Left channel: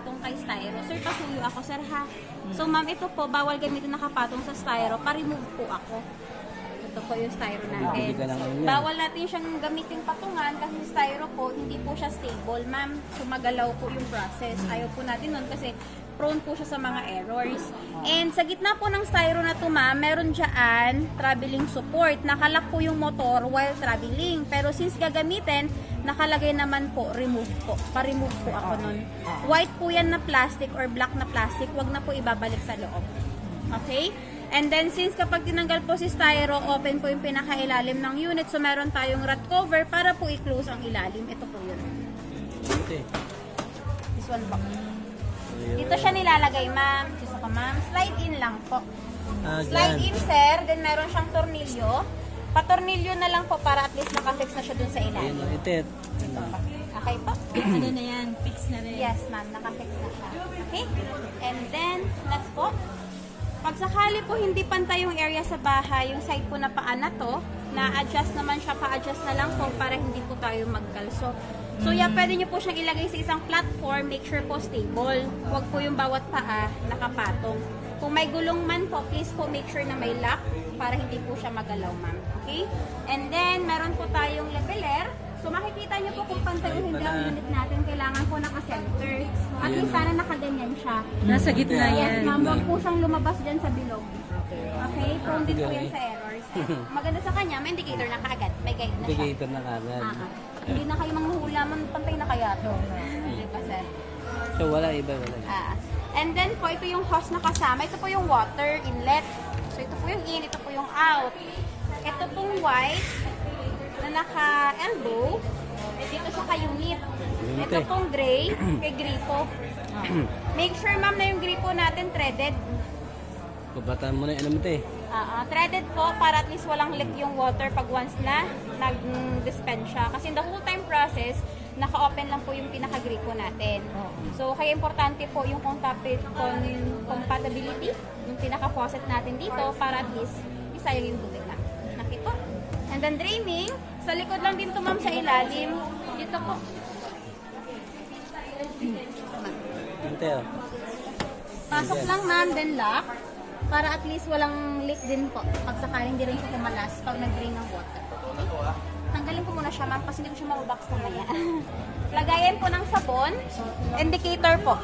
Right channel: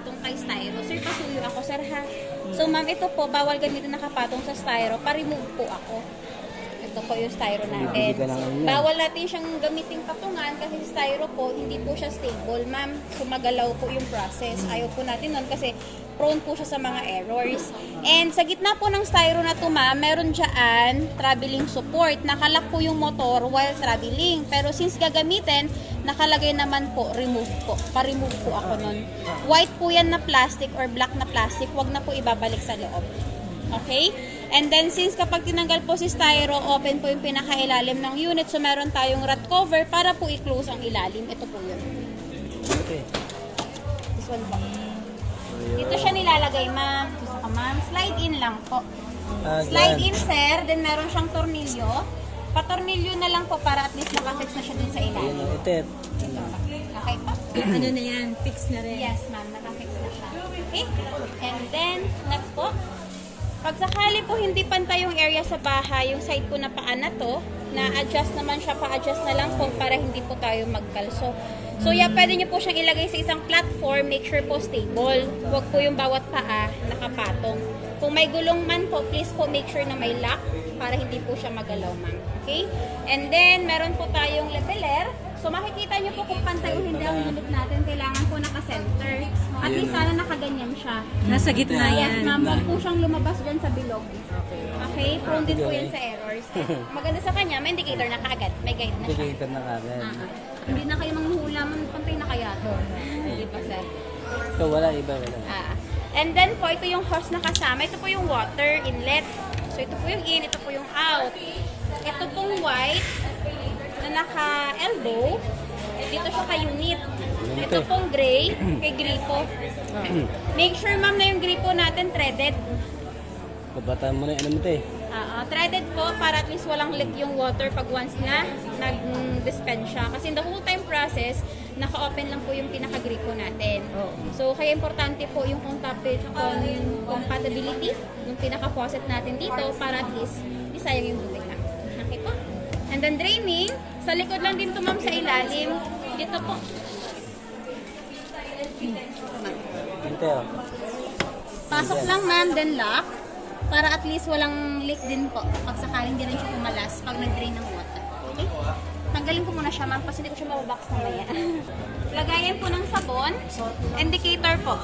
nakapatong kay styro. Sir, pasuyo ako, sir, ha? So, ma'am, ito po, bawal gamitin nakapatong sa styro. Pa-remove po ako. Ito po yung styro natin. Bawal natin siyang gamitin patungan kasi styro po, hindi po siya stable, ma'am. Sumagalaw po yung process. Ayaw po natin nun kasi prone po siya sa mga errors. And sa gitna po ng styro na to, ma'am, meron dyan traveling support. Nakalak po yung motor while traveling. Pero since gagamitin, nakalagay naman po, remove po. Pa-remove po ako nun. White po yan na plastic or black na plastic, wag na po ibabalik sa loob. Okay? And then, since kapag tinanggal po si styro, open po yung pinakailalim ng unit. So, meron tayong rat cover para po i-close ang ilalim. Ito po yun. Okay. This one po. Dito siya nilalagay, ma'am. Ma'am, slide in lang po. Slide in, sir. Then, meron siyang tornilyo. Patornilyo na lang po para at least makafix na siya dun sa ilalim. Ayun, okay po? Ano na yan? Fix na rin. Yes, ma'am. Nakafix na siya. Okay? And then, next po. Pag sakali po hindi pantay yung area sa bahay, yung side po na paa na to, na-adjust naman siya, pa-adjust na lang po para hindi po tayo magkalso. So, yeah, pwede nyo po siyang ilagay sa isang platform, make sure po stable. Huwag po yung bawat paa nakapatong. Kung may gulong man po, please po make sure na may lock para hindi po siya magalaw, ma'am. Okay? And then, meron po tayong leveler. So, makikita nyo po kung pantay yung unit natin. Kailangan po naka-center. At least sana nakaganyan siya. Nasa gitna yan. Yes, ma'am. Huwag po siyang lumabas dyan sa bilog. Okay? Prone din po yan sa errors. Maganda sa kanya, may indicator na kaagad. May guide na siya. Indicator na kaagad. Hindi na kayo manghuhula, pantay na kaya to. Hindi pa, sir. So, wala iba, wala. And then po, ito yung hose na kasama. Ito po yung water inlet. So, ito po yung in, ito po yung out. Ito pong white na naka-elbow. Dito siya ka-unit. Ito pong gray, kay gripo. Make sure, ma'am, na yung gripo natin threaded. Babataan mo na yung mo ito eh. Threaded po para at least walang leak yung water pag once na nag-dispense siya. Kasi in the whole time process, naka-open lang po yung pinaka-gripo natin. So, kaya importante po yung compatibility, yung pinaka-faucet natin dito para at least isayang yung buti niya. Okay po? And then draining, sa likod lang din ito, ma'am, sa ilalim. Dito po. Pasok lang, ma'am, then lock. Para at least walang leak din po. Pag sakaling hindi rin siya pumalas pag nag-drain ng water. Okay? Tanggalin ko muna siya, ma'am, kasi hindi ko siya mababox mamaya. Lagayan po ng sabon. Indicator po.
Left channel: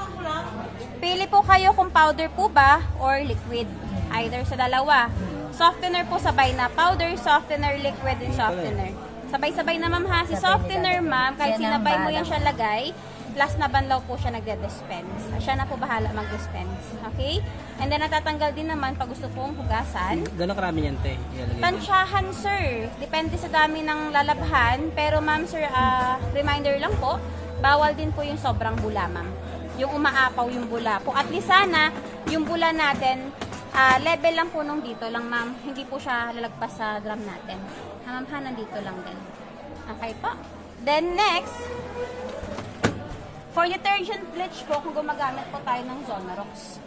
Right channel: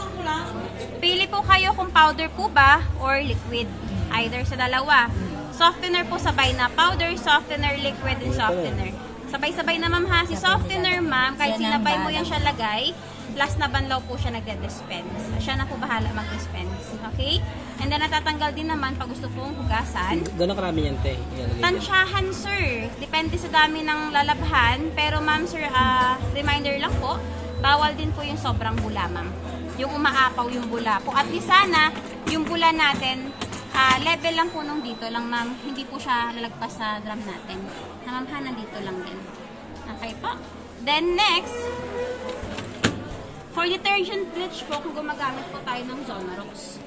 Pili po kayo kung powder po ba or liquid. Either sa dalawa. Softener po sabay na. Powder, softener, liquid, and softener. Sabay-sabay na, ma'am, ha. Si softener, ma'am, kahit sinabay mo yan siya lagay, last na banlaw po siya nagde-dispense. Siya na po bahala mag-dispense. Okay? And then, natatanggal din naman pag gusto pong hugasan. Gano'ng karami yan, te? Tansyahan, sir. Depende sa dami ng lalabhan. Pero, ma'am, sir, reminder lang po, bawal din po yung sobrang bula, ma'am. Yung umaapaw yung bula po. At least sana, yung bula natin, level lang po nung dito lang, ma'am. Hindi po siya lalagpas sa drum natin. Ma'am, nandito lang din. Okay po. Then, next, for detergent bleach po, kung gumagamit po tayo ng Zonrox.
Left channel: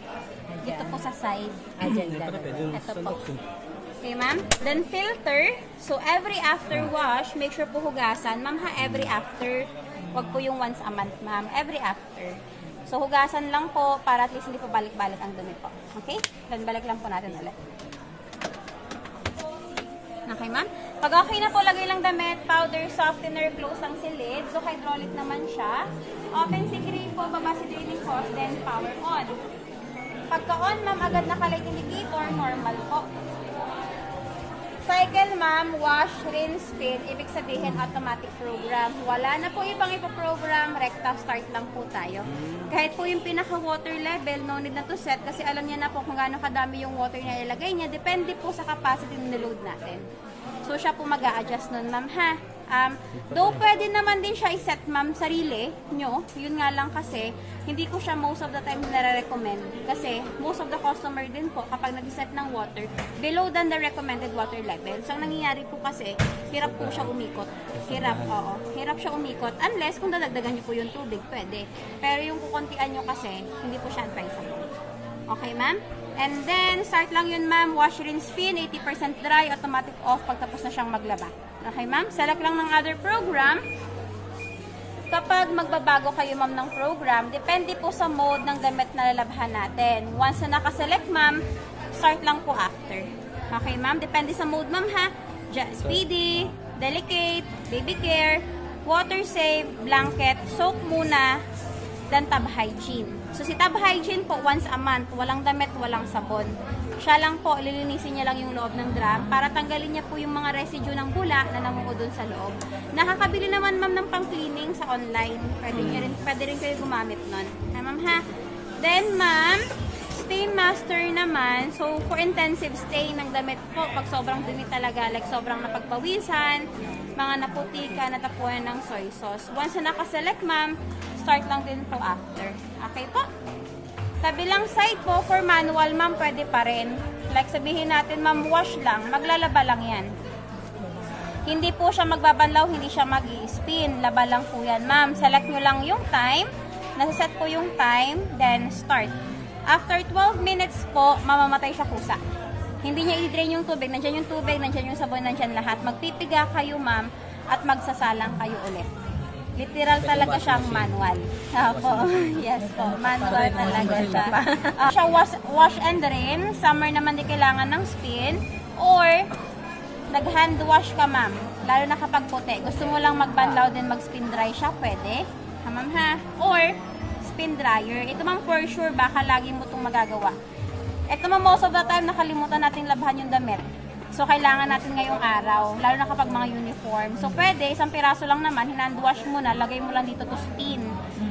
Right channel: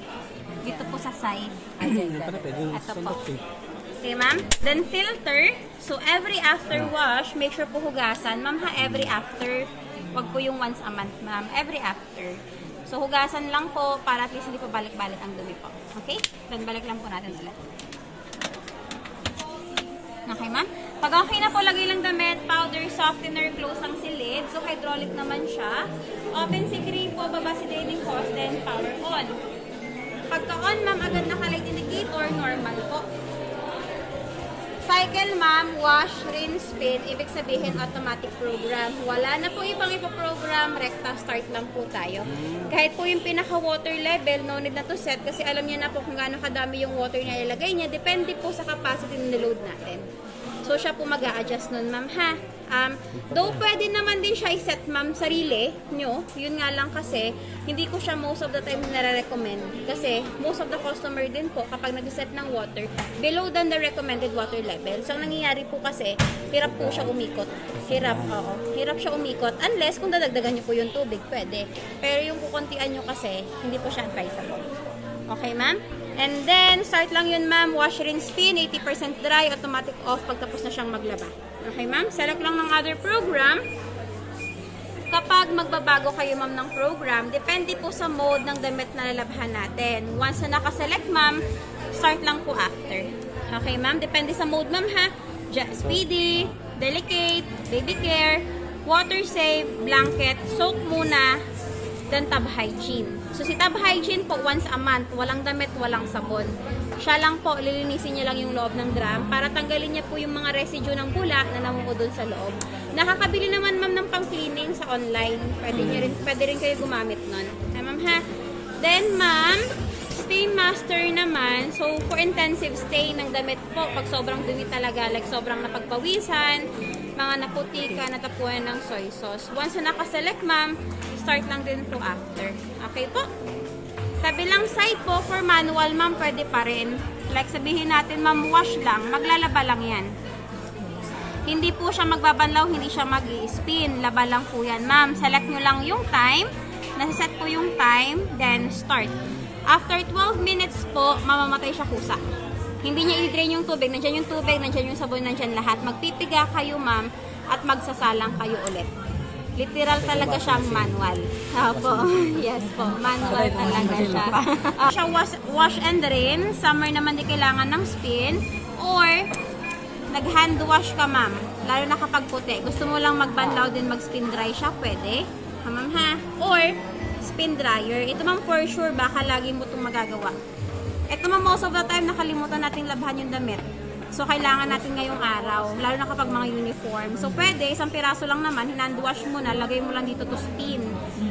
Dito po sa side. Ito po. Okay, ma'am. Then filter. So, every after wash, make sure po hugasan. Ma'am, ha, every after. Wag po yung once a month, ma'am. Every after. So, hugasan lang po para at least hindi po balik-balik ang dumi po. Okay? Then, balik lang po natin ulit. Okay, ma'am? Pag okay na po, lagay lang damit, powder, softener, close ang silid. So, hydraulic naman siya. Open si gripo, baba si draining hose, then power on. Pagka-on, ma'am, agad naka-light indicator, normal po. Cycle, ma'am, wash, rinse, spin, ibig sabihin automatic program. Wala na po ibang ipoprogram, recta, start lang po tayo. Kahit po yung pinaka-water level, no need na to set kasi alam niya na po kung gaano kadami yung water na ilagay niya, depende po sa capacity ng load natin. So, siya po mag-a-adjust nun, ma'am, ha? Though pwede naman din siya i-set, ma'am, sarili nyo. Yun nga lang kasi, hindi ko siya most of the time nare-recommend. Kasi, most of the customer din po, kapag nag-set ng water, below than the recommended water level. So, ang nangyayari po kasi, hirap po siya umikot. Hirap, oo. Hirap siya umikot. Unless, kung dadagdagan nyo po yung tubig, pwede. Pero yung kukuntian nyo kasi, hindi po siya advisable. Okay, ma'am? And then, start lang yun, ma'am. Wash, rinse, spin. 80% dry. Automatic off pagtapos na siyang maglaba. Okay, ma'am? Select lang ng other program. kapag magbabago kayo ma'am ng program, depende po sa mode ng damit na lalabhan natin. Once na nakaselect ma'am, start lang po after. Okay ma'am, depende sa mode ma'am ha. Speedy, delicate, baby care, water safe, blanket, soak muna, then tub hygiene. So si tub hygiene po once a month, walang damit, walang sabon. Siya lang po, lilinisin niya lang yung loob ng drum para tanggalin niya po yung mga residue ng bula na namumudol sa loob. Nakakabili naman ma'am ng pang-cleaning sa online. Pwede rin kayo gumamit nun. Ma'am ha? Then ma'am, stain master naman. So for intensive stain ng damit po, pag sobrang dumi talaga, like sobrang napagpawisan, mga naputika, natapuan ng soy sauce. Once na nakaselect ma'am, start lang din po after. Okay po? Kabilang side po, for manual ma'am, pwede pa rin. Like sabihin natin ma'am, wash lang, maglalaba lang yan. Hindi po siya magbabanlaw, hindi siya mag-i-spin. Laba lang po yan ma'am. Select nyo lang yung time. Nasa-set po yung time, then start. After 12 minutes po, mamamatay siya kusa. Hindi niya i-drain yung tubig. Nandiyan yung tubig, nandiyan yung sabon, nandiyan lahat. Magpipiga kayo ma'am at magsasalang kayo ulit. Literal talaga siyang manual. Opo. Yes po. Manual talaga siya. Siya wash and rin. Summer naman di kailangan ng spin. Or, nag-hand wash ka ma'am. Lalo na kapag puti. Gusto mo lang magbanlaw din mag-spin dry siya, pwede. Ha ma'am ha? Or, spin dryer. Ito ma'am for sure, baka lagi mo itong magagawa. Ito ma'am, most of the time nakalimutan natin labhan yung damit. So, kailangan natin ngayong araw, lalo na kapag mga uniform. So, pwede, isang piraso lang naman, hinand wash mo na, lagay mo lang dito to spin.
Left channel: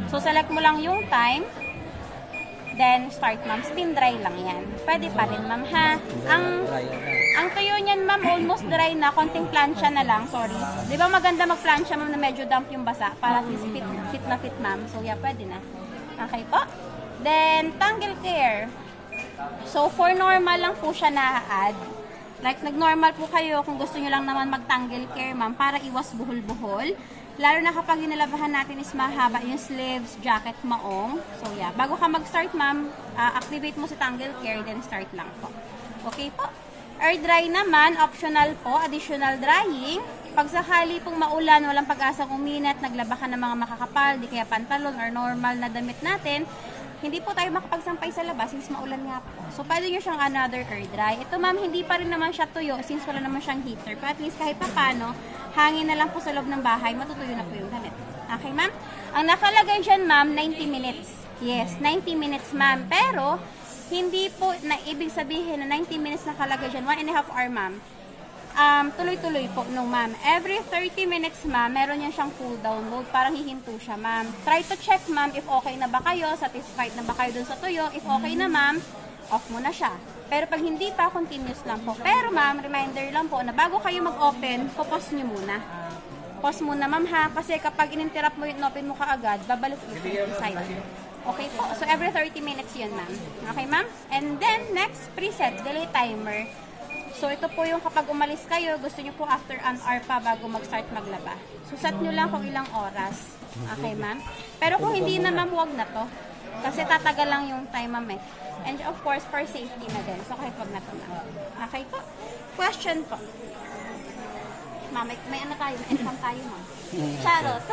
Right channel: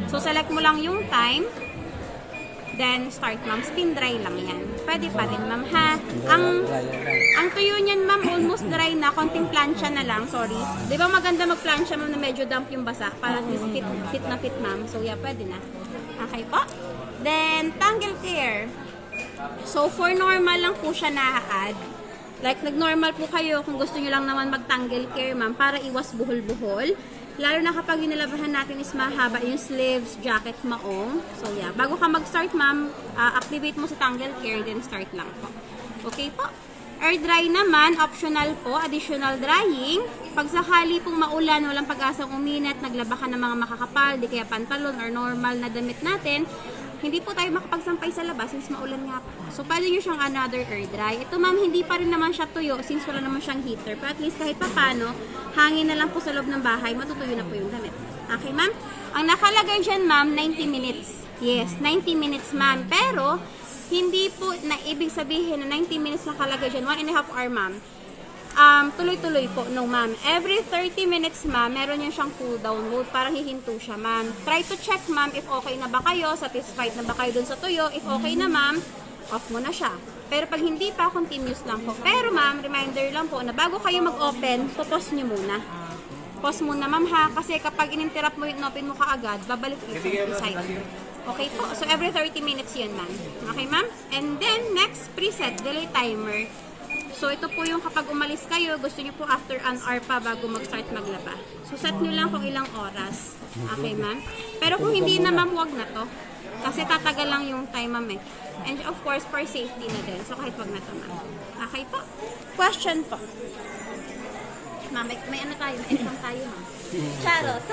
So, select mo lang yung time, then start ma'am. Spin dry lang yan. Pwede pa rin ma'am ha. Ang tuyo niyan ma'am, almost dry na, konting plancha na lang, sorry. Di ba maganda mag-plancha ma'am na medyo damp yung basa, para at least fit na fit ma'am. So, yeah, pwede na. Okay po. Then, tangle care. So, for normal lang po siya na-add. Like, nag-normal po kayo kung gusto nyo lang naman mag-tangle care, ma'am, para iwas buhol-buhol. Lalo na kapag yung nalabahan natin is mahaba yung sleeves, jacket, maong. So, yeah. Bago ka mag-start, ma'am, activate mo sa tangle care, then start lang po. Okay po. Air dry naman, optional po, additional drying. Pag sakali pong maulan, walang pag-asang uminat, naglaba ka ng mga makakapal, di kaya pantalon or normal na damit natin, hindi po tayo makapagsampay sa labas since maulan nga po. So, pwede nyo siyang another air dry. Ito ma'am, hindi pa rin naman siya tuyo since wala naman siyang heater. But at least kahit pa paano, hangin na lang po sa loob ng bahay, matutuyo na po yung damit. Okay ma'am? Ang nakalagay dyan ma'am, 90 minutes. Yes, 90 minutes ma'am. Pero, hindi po na ibig sabihin na 90 minutes nakalagay dyan, 1.5 hour ma'am. Tuloy-tuloy po no ma'am. Every 30 minutes ma'am, meron yan siyang cool down mode. Parang hihinto siya ma'am. Try to check ma'am if okay na ba kayo, satisfied na ba kayo dun sa tuyo. If okay na ma'am, off mo na siya. Pero pag hindi pa, continuous lang po. Pero ma'am, reminder lang po na bago kayo mag-open, pause nyo muna. Pause muna ma'am ha, kasi kapag in-interrupt mo yung open mo kaagad, babalik ito inside. Okay po. So every 30 minutes yun ma'am. Okay ma'am? And then next, preset, delay timer. So, ito po yung kapag umalis kayo, gusto nyo po after an hour pa bago mag-start maglaba. So, set nyo lang kung ilang oras. Okay, ma'am? Pero kung hindi na, ma'am, huwag na to. Kasi tatagal lang yung time, ma'am, eh. And of course, for safety na din. So, kahit huwag na to, ma'am. Okay po? Question po. Ma'am, may ano tayo? May exam tayo, ma'am. Charles.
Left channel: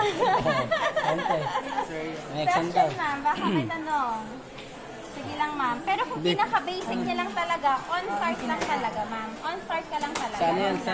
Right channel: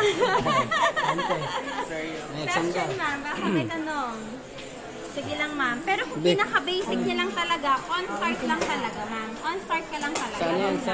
Question, ma'am. Baka may tanong. Sige lang, ma'am. Pero kung pinaka-basic niya lang talaga, on-start lang talaga, ma'am. On-start ka lang talaga. Saan yan? Sa